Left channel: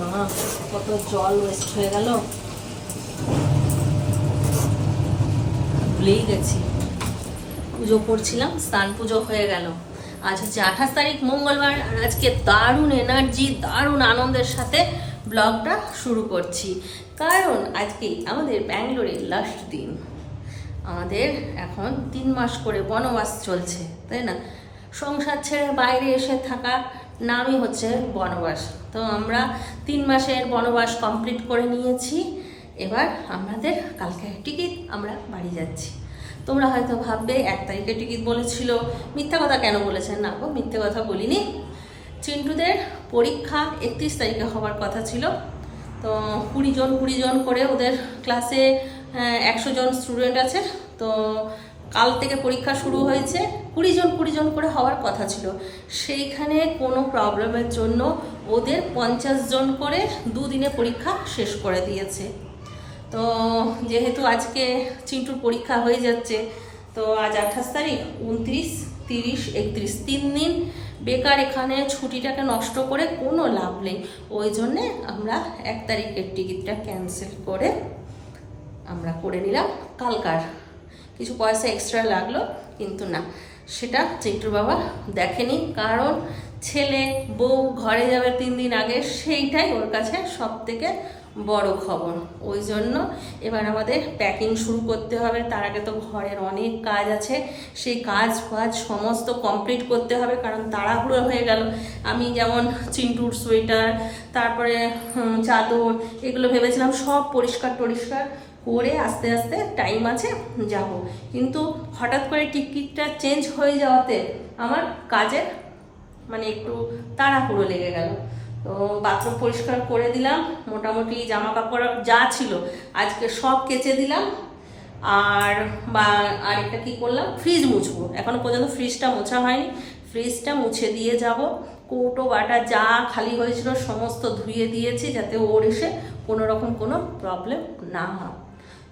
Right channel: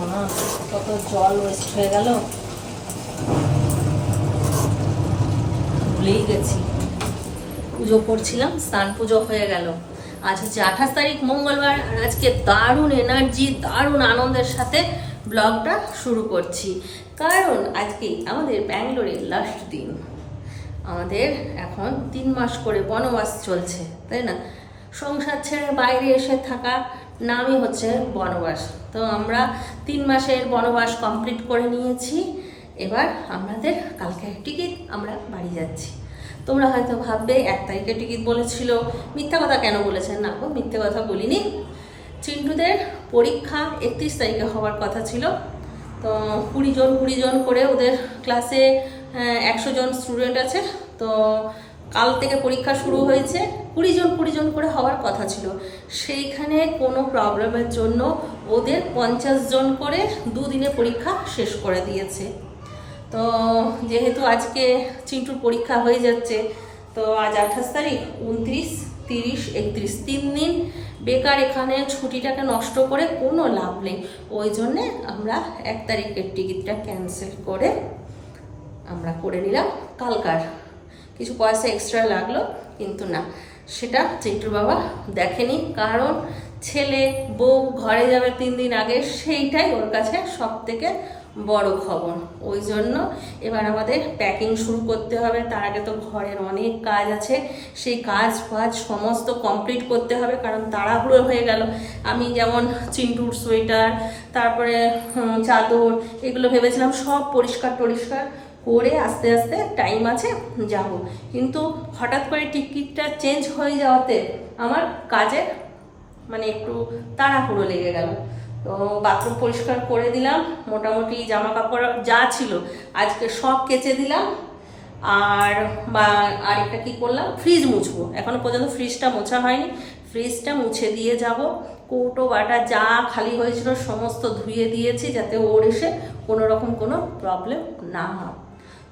মা, কত জল ওয়েস্ট হয়ে গেল। ভুলেই গেছি। পুজো করছিলাম, স্নান পুজো হয়ে গেল। আজ হচ্ছে আঠাশ তারিখ, মঙ্গলবার, আর আজকে দারুণ এনার্জি দারুণ আনন্দের সাথে ব্লগটা শুরু করছি। কারণ আজকে আমাদের ব্যাঙ্গালোরে লাস্ট দিন। আমাদের এখন তিন মাস করে বনবাস চলছে, তাই না? সংসার ছেড়ে বাইরে এসে থাকা নামই হচ্ছে বনবাস। তো আমরা তিন মাসের বনবাস কমপ্লিট করে নিয়েছি। এবার আমাদের কালকে টিকিট আমরা বাড়ি যাচ্ছি। তোমরা হয়তো ভাববে, এক তারিখে টিকিট বলেছিল। মিথ্যা কথা কেন বলেছেন? না গো, মিথ্যে কথা বলিনি। চিন্টুদের পরীক্ষা একত্রিশ তারিখে হওয়ার কথা ছিল। তো কুড়ি জন কুড়ি জন করে ওদের ক্লাসে একশো জন স্টুডেন্ট আছে। তো কাল থেকে পরীক্ষা শুরু হয়েছে, কুড়ি জন কুড়ি জন করে হওয়ার কথা ছিল। সেইখানে কোনো প্রবলেমের জন্য ওদের পঞ্চাশ জন করে দুদিনে পরীক্ষা শেষ করে দিয়েছে। তো যেহেতু আজকে চিন্টুর পরীক্ষা হয়ে যাচ্ছে, তো আজ আঠাশ তারিখ, উনত্রিশ, তিরিশ, একত্রিশ, তিন দিন। বেকার এখানে ছুটিটাকে নষ্ট করে কোনো লাভ নেই। ওই জন্যে আমরা এক তারিখের টিকিটটা ক্যান্সেল করে আমরা করে নিলাম কালকার কিছু পয়সা এক্সট্রা লাগল, কিন্তু না। সেটা চিন্টুর বাবা দেখেনি, কারণ ছেলে, বউ ঘরে যাবে তিন দিন আগে, সেইটাই ওর কাছে সব থেকে বড় খবর। ওই জন্য এবার আমাদের প্যাকিং শুরু করতে হবে। তার আগে তো ঘরের অনেক কাজ আছে। সেই কাজ ফাজ সমস্ত কমপ্লিট করতে হবে, কারণ তাড়াহুড়ো হয়ে গেল। আমি যেমন চিন্টুর সোয়েটার তারপরে চাদর, এগুলো ভেবেছিলাম সব পরিষ্কার টরিষ্কার করে আস্তে আস্তে টাইম আছে, যাব। কিন্তু হঠাৎ করে টিকিটটা চেঞ্জ হয়ে যাওয়াতে আমার কাজের মানে একটু তাড়াহুড়ো লেগে গেল। তো বাথরুম পরিষ্কার করে দিলাম, মোটামুটি জামা কাপড় যা ছিল আজকে সব কেচে দিলাম। আর বা আর একটা কী করলাম? ফ্রিজ মুছবো। এখনও পর্যন্ত ফ্রিজটা মোছা হয়নি। ফ্রিজটা মুছে দিয়ে যাব। কৌটো, বাটা, যা খালি হয়েছিল সমস্ত ধুয়ে দিয়েছি যাতে ওর এসে কোনো রকম কোনো প্রবলেম না হয়।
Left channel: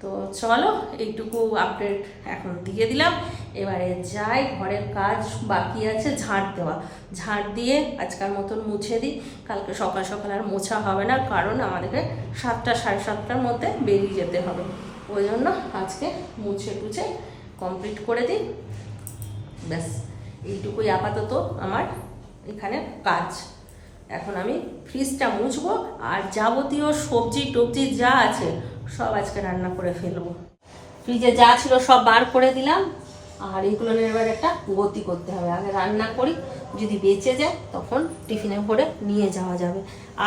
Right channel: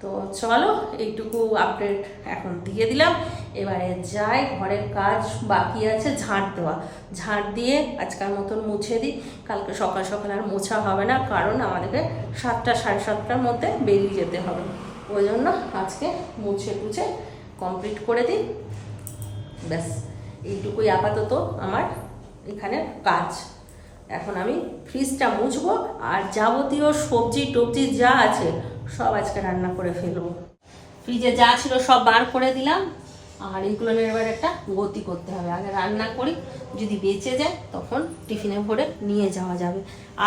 তো চলো, এইটুকু আপডেট এখন দিয়ে দিলাম। এবারে যাই, ঘরের কাজ বাকি আছে ঝাঁট দেওয়া। ঝাঁট দিয়ে আজকাল মতন মুছে দিই। কালকে সকাল সকাল আর মোছা হবে না, কারণ আমাদেরকে সাতটা, সাড়ে সাতটার মধ্যে বেরিয়ে যেতে হবে। ওই জন্য আজকে মুছে টুছে কমপ্লিট করে দিই। ব্যাস, এইটুকুই আপাতত আমার এখানে কাজ। এখন আমি ফ্রিজটা মুছবো আর যাবতীয় সবজি টবজি যা আছে সব আজকে রান্না করে ফেলব। ফ্রিজে যা ছিল সব বার করে দিলাম আর এইগুলো এবার একটা গতি করতে হবে। আগে রান্না করি, যদি বেঁচে যায় তখন টিফিনে ভরে নিয়ে যাওয়া যাবে।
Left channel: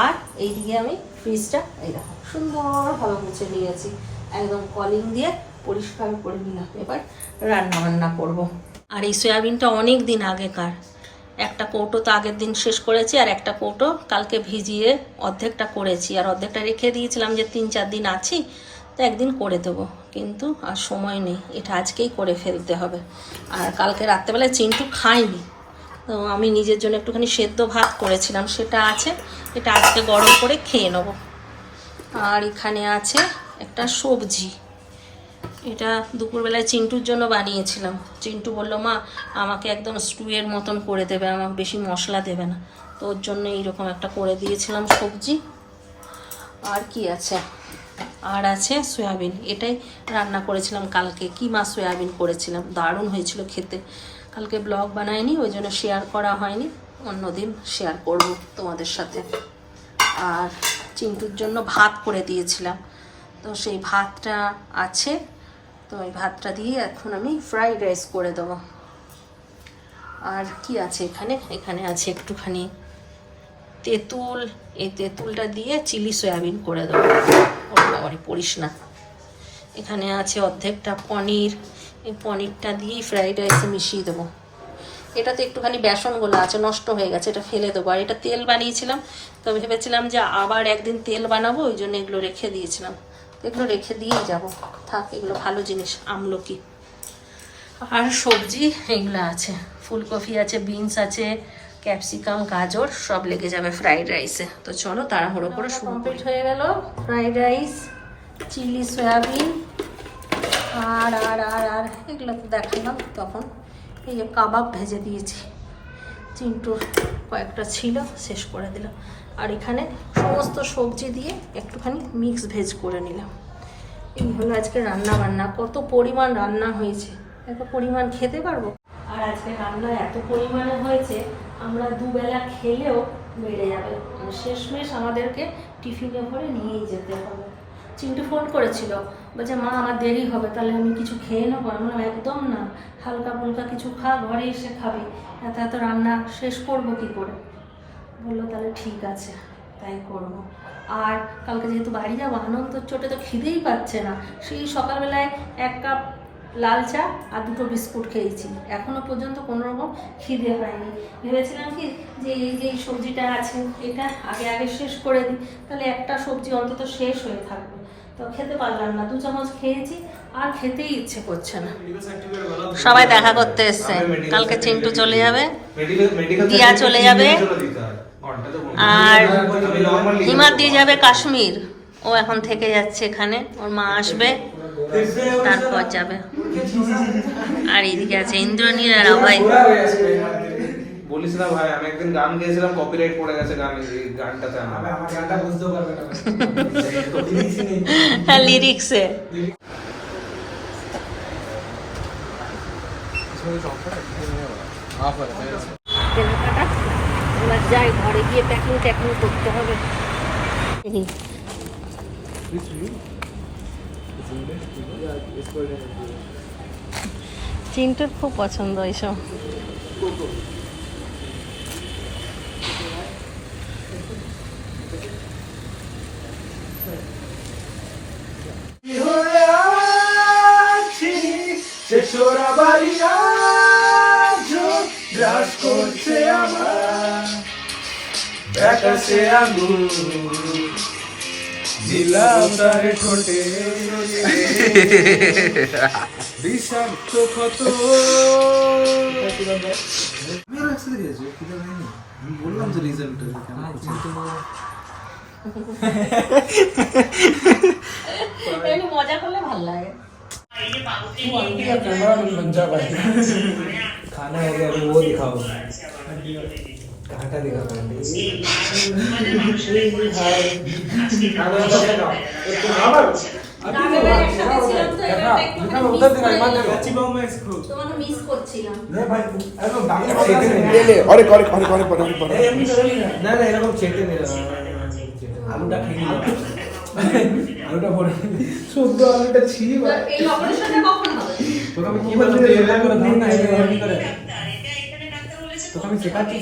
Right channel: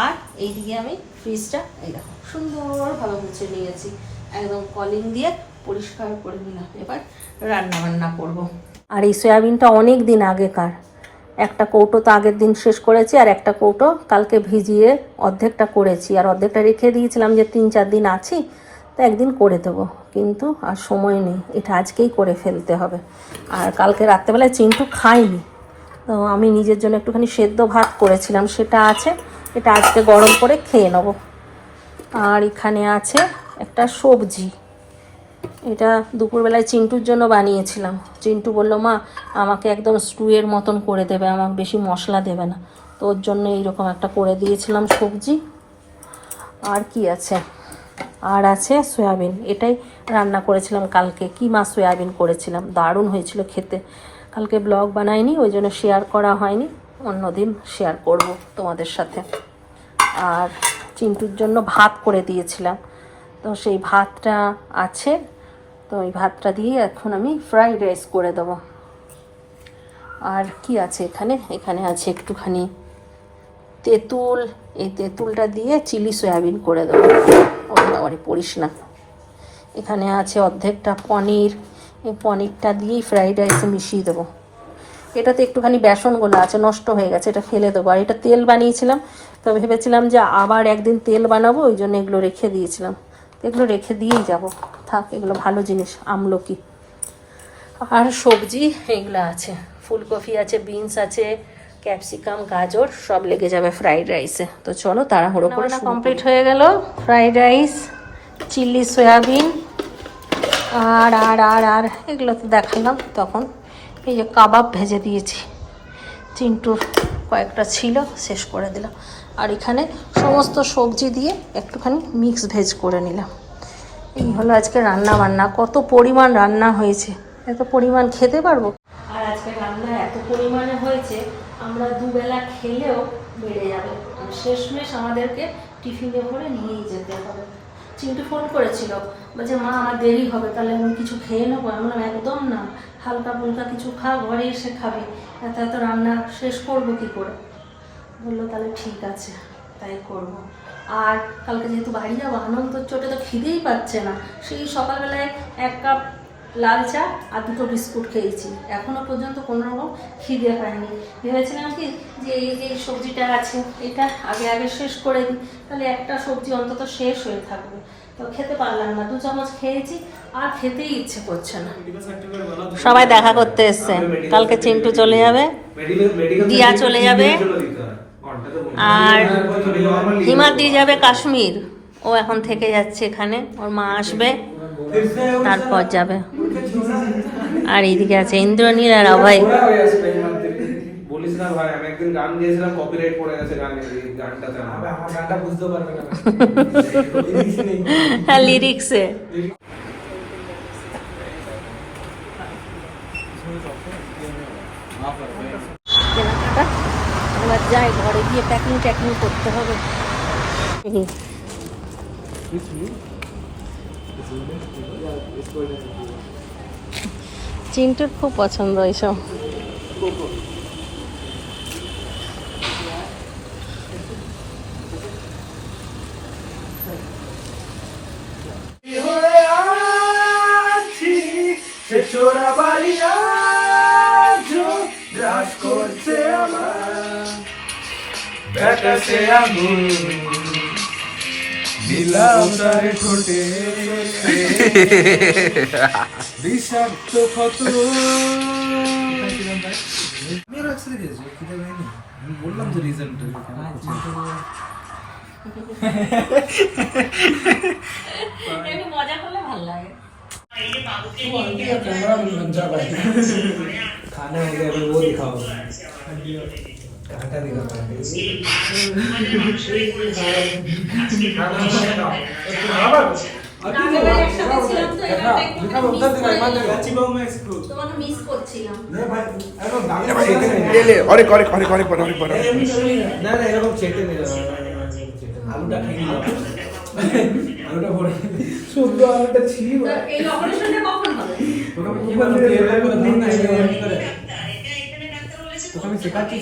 আর এইদিকে আমি ফ্রিজটা এই দেখো, সুন্দরভাবে মুছে নিয়েছি। একদম কলিং দিয়ে পরিষ্কার করে নিলাম। এবার রান্না বান্না করব। আর এই সয়াবিনটা অনেক দিন আগেকার। একটা কৌটো তো আগের দিন শেষ করেছি, আর একটা কৌটো কালকে ভিজিয়ে অর্ধেকটা করেছি। আর অর্ধেকটা রেখে দিয়েছিলাম যে তিন চার দিন আছি, তো একদিন করে দেবো। কিন্তু আর সময় নেই, এটা আজকেই করে ফেলতে হবে। আর কালকে রাত্রেবেলায় চিন্টু খাইনি তো আমি নিজের জন্য একটুখানি সেদ্ধ ভাত করেছিলাম, সেটা আছে, এটা আজকে গরম করে খেয়ে নেব। আর এখানে আছে একটা সবজি। এটা দুপুরবেলায় চিন্টুর জন্য বানিয়েছিলাম। চিন্টু বলল, মা, আমাকে একদম স্টুয়ের মতন করে দেবে, আমাকে বেশি মশলা দেবে না। তো ওর জন্য এইরকম একটা করে দিয়েছিলাম সবজি। আর কি আছে? আর আছে সয়াবিন। এটাই রান্না করেছিলাম কালকে। কিমা সয়াবিন করেছিলাম? দারুণ হয়েছিল খেতে। কালকে ব্লগ বানাইনি, ওই জন্য শেয়ার করা হয়নি। অন্যদিন শেয়ার করব তোমাদের সাথে। আর চিন্টুর জন্য ভাত করে দিয়েছিলাম। তো সেই ভাতটা আছে। তো ওই ভাতটা দিয়ে এখন আমি ফ্রাইড রাইস করে দেবো। আর কি আছে এখানে? এখানে আছে একটুখানি তেঁতুল। এই তেঁতুলটা দিয়ে চিলি সয়াবিন করে দেবো। বাবারে, পড়িস না। এখানে আছে অর্ধেকটা পনির। এই পনিরটা দিয়েই ফ্রাইড রাইসে মিশিয়ে দেবো। এটাতে একটুখানি বেসনগুলো আছে, নষ্ট হয়ে গেছে, এটা ফেলে দেবো। আর এটা তেল বানিয়েছিলাম, তো ভেবেছিলাম যে আবার একদিন তেল বানাবো, ওই জন্য এগুলো রেখে দিয়েছিলাম। এগুলো রেখে দিয়েই যাব। থাক এগুলো ভালো জিনিস আমলকি। আর সবজি এগুলো আছে। ফুলকপি আছে বিনস আছে ক্যাপসিকাম গাজর সব লেগে যাবে ফ্রাইড রাইসে। তো চলো তাড়াহুড়ো করে কমপ্লিট হয়ে গেল। ফ্রাইড রাইস চিলি সয়াবিন আর আর আর আর এগুলো তো দেখালাম তখন। এই যে কাবাব ভেজে দিয়েছি। চিন্টু কয়েকটা ছিল শেষ করে দিলাম। আর এখানে সমস্ত সবজি দিয়ে একটুখানি মিক্স ভেজ করে নিলাম। এই হলো আজকে রান্না বান্না কত পরিমাণ রান্না হয়েছে? এত পরিমাণ খেতে পারব? আর আজকে রান্না এত পরিমাণে হয়েছে, আমরা দুবেলা খেলেও বেড়ে যাবে। শেষমেশ আমাদেরকে টিফিনে ভরে নিয়েই যেতে হবে। চিন্টু ফোন করেছিল, বলছে, মা, আমার দেরি হবে, তাহলে আমি কিছু খেয়ে নেব? বললাম, একদম না। হালকা ফুলকা কিছু খা, ঘরে এসে খাবি। এত এত রান্না শেষ করব কি করে? বলল তাহলে ঠিক আছে তাই করব। আর কালকে যেহেতু বাড়ি যাব আনন্দ চোটে তো খিদেই পাচ্ছে না। সেই সকালবেলায় এক কাপ লাল চা আর দুটো বিস্কুট খেয়েছি। এখনও পর্যন্ত কোনো রকম খিদে পাইনি। ভেবেছিলাম কি যে এই যে এই সবজিটা আছে এটা আগে আগে শেষ করে দিই। তাহলে একটা সবজি অন্তত শেষ হয়ে থাকবে। তো খেতে পারলাম না দু চামচ খেয়েছি আর খেতেই ইচ্ছে করছে না। সবাই দেখা করতে এসছে। কালকে চিন্টু চলে যাবে দিয়া চলে যাবে। আর হিমাদ দিয়ে যাবে কাশ্মীর। ও এখন থেকে যাচ্ছে এখানে ওর মা আসবে তারপর যাবে। আর এইদিকে আছে ইন্দ্রনীল আর অভয়। বলিস না ভাই আমি একদিন গান গেয়েছিলাম কপিরাইট পড়ে গেছে গানে এই গানটাতে আমার আমার গানটা বুঝতে পারবে না হ্যাঁ লিরিক্সে কেনাকাটা? এবার যাই ঘরে গিয়ে প্যাকিং ট্যাকিং করতে হবে। চিন্টুর খুব পছন্দ এইসব। ব্যাটাসে আগুন দিলাম তারে ঠোঁটে বিষাক্ত ক্ষত আমি রাখতে দিয়েছি খিদে পাইনি আমি বললাম তো রিজেন্ট এমনি মজা করলে ভালো লাগে लज्जा भाई खाना हो गया अभी वो दिखाओ অনেক অনেক অনেক অনেক পরে অনেক পরে না না এরকম চেটে নেই আলুটা খেয়ে আলুটা পরে আলুটা ছিঁড়ি এই অপারেশনটা কখন আমি শেখাচ্ছি।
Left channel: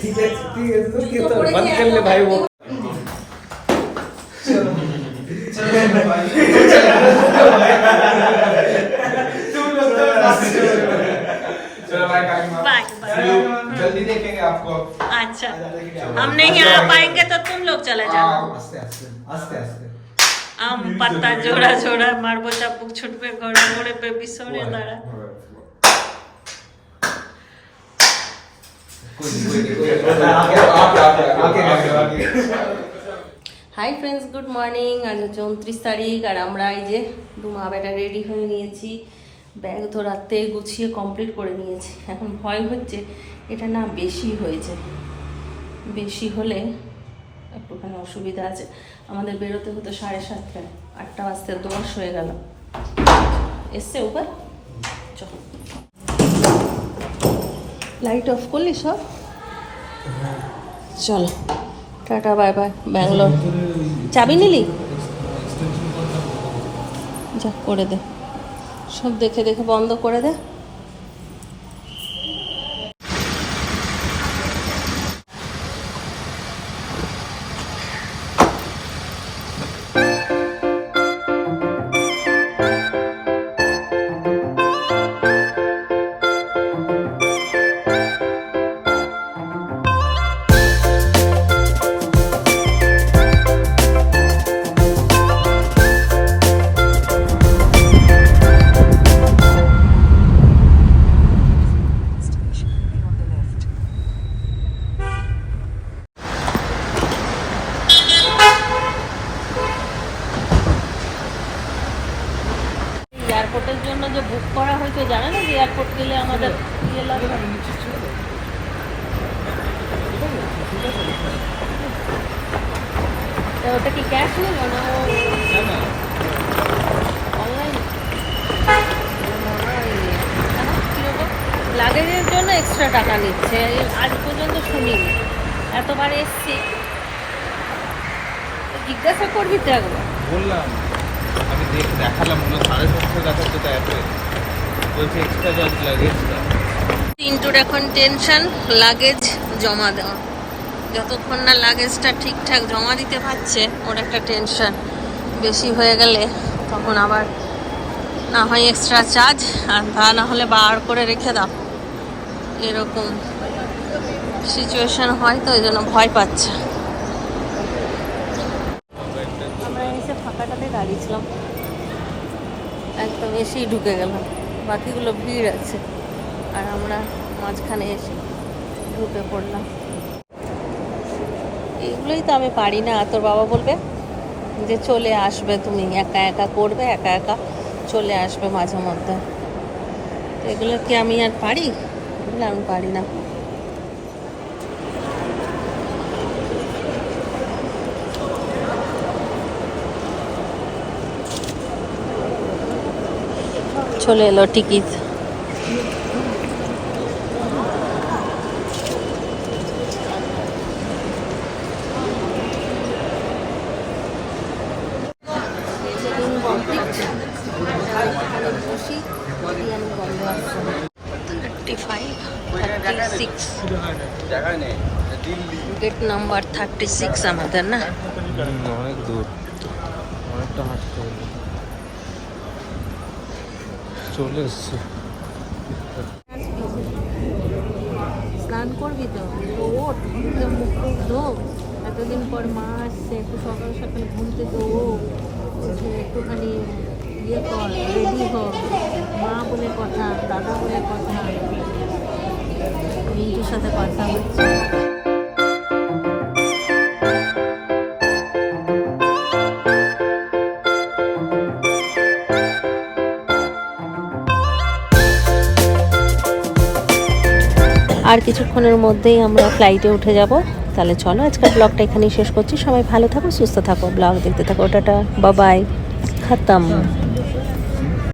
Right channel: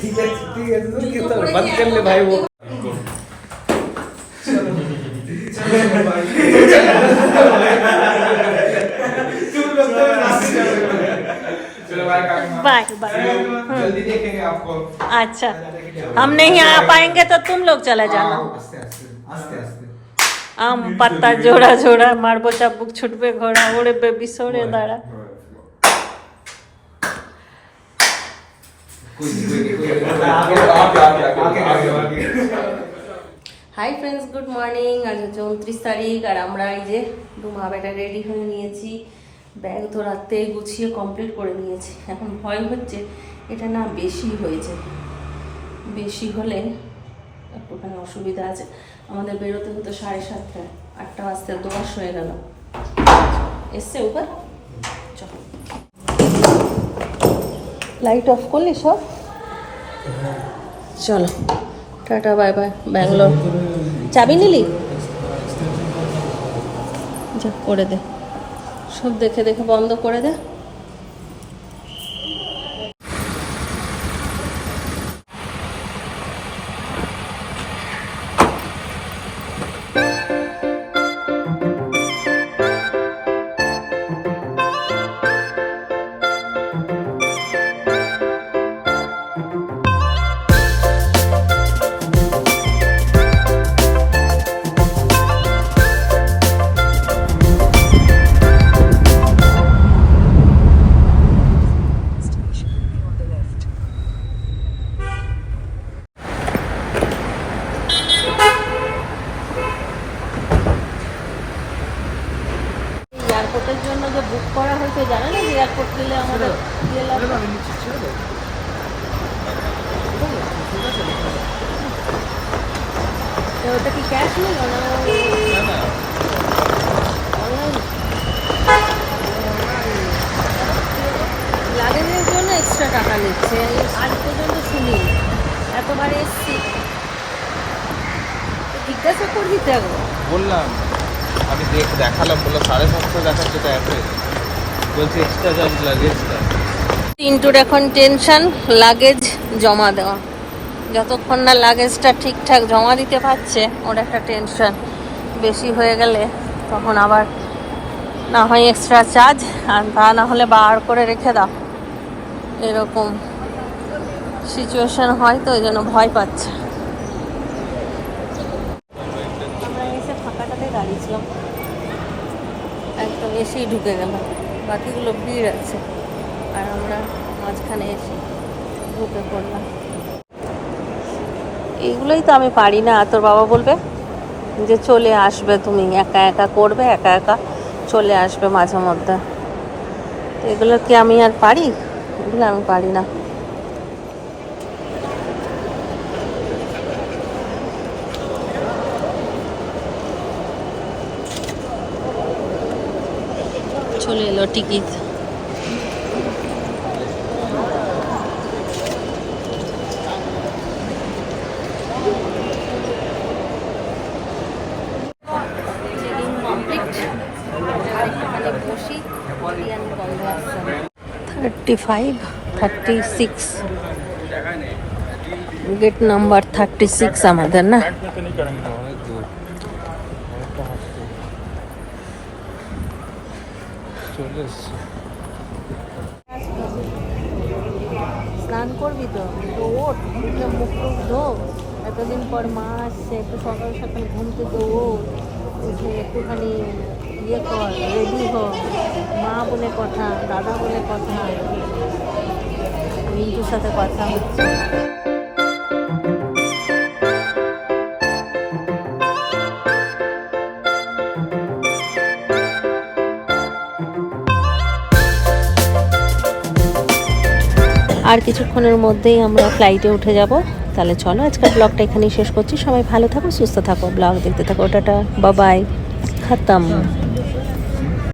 ठीक है ठीक है तो ये तो बंद कर ले भाई वो चलो भाई बाय बाय जल्दी देखेंगे आपको अच्छा हम नहीं आ पाएंगे तो तुम लोग चले जाओ আস্তে আস্তে আস্তে আস্তে আম পাতা জোড়া জোড়া মারবো চাপুক ছুটবে ঘোড়া ওড়ে বেবি সরে দাঁড়া হাই ফ্রেন্ডস গুড মর্নিং আজ হচ্ছে উনত্রিশ তারিখ আর আমরা এই যে ডুমা বেটা রেডি হয়ে নিয়েছি। ব্যাগ তো রাত্রে গুছিয়ে কমপ্লিট করে নিয়েছি। এখন ভয় হচ্ছে, এটা না বেশি হয়েছে। বেশি হলে একটুখানি অসুবিধা আছে। আমাদের বেরোতে হতো সাড়ে সাতটায়। আটটা বাজতে দশ হয়ে গেল। এসছে উপর চল লাইট অফ করলি সব? চলো, টাটা বাই বাই ব্যাঙ্গালোর চাবি নিলি? যা, করে দে। সব দেখে দেখে বন্ধ করে দে। এয়ারপোর্টের জন্য যে বুক করা হয়েছে জানে না যে এয়ারপোর্ট গেলে আমাদের ইয়ে লাগবে ওটা কি ক্যাশ নিল না ও অনলাইন লাগেজের জন্য এক্সট্রা টাকা নিচ্ছে। আজ পর্যন্ত শুনি। এতবার এসছি। জিজ্ঞাসা করবি তো একবার। বললাম। আমি দেখালাম বলে সাড়ে সাতশো দেখাচ্ছে তো অ্যাপে বলছি এক্সট্রা চার্জ লাগেজটা পিন্টুর এখন টেনশন লাগেজ জমা দেওয়া। যতক্ষণ না লাগেজটা ঠিকঠাক জমা দিতে পারছে, ওর একটা টেনশন বেশি হয়ে গেলে তখন আবার না হয় এক্সট্রা চার্জ আর তা না হলে বার করে রেখে দাও। এরকম সিচুয়েশন হয় তো ওই জন্য ভয় পাচ্ছে আমরা এসে ফাঁকাটাতে দাঁড়িয়েছিলাম একদম এসেই ঢুকে গেলাম। বাকিগুলো ভিড় আছে। আর আমরা মাঝখানে এসে ঢুকে পড়লাম। এগুলোই তো আমি পারি না। তোর বাবা বলবে যে চলে আসবে তুমি। একা একা করবে, একা একা চলে আসবে মাঝে মধ্যে। এগুলো কি আমি আর পারি? এগুলো আমি পারি না। চলে এলো ticket thirty five thirty six gate number thirty six আমাদের না অনেক দূর চলে এসছে স্নান করবি তো? তো ওঠ, মুখ টুক ধো। এতদিন পর মা আসছে, একটু সকাল সকাল ঘুম থেকে উঠে একটুখানি ইয়ে কর রেডি হ। মা বলে কথা, দাদা বলে কথা, মিন্টুর সাথে কথা হচ্ছে। কিছুক্ষণের মধ্যেই আমরা ফ্লাইটে উঠে যাব। তাহলে চলো, আজকের ব্লগটা এখানেই শেষ করছি। সবাই ভালো থাকো, সুস্থ থাকো ব্লগ দেখতে থাকো, টাটা বাবাই খতম।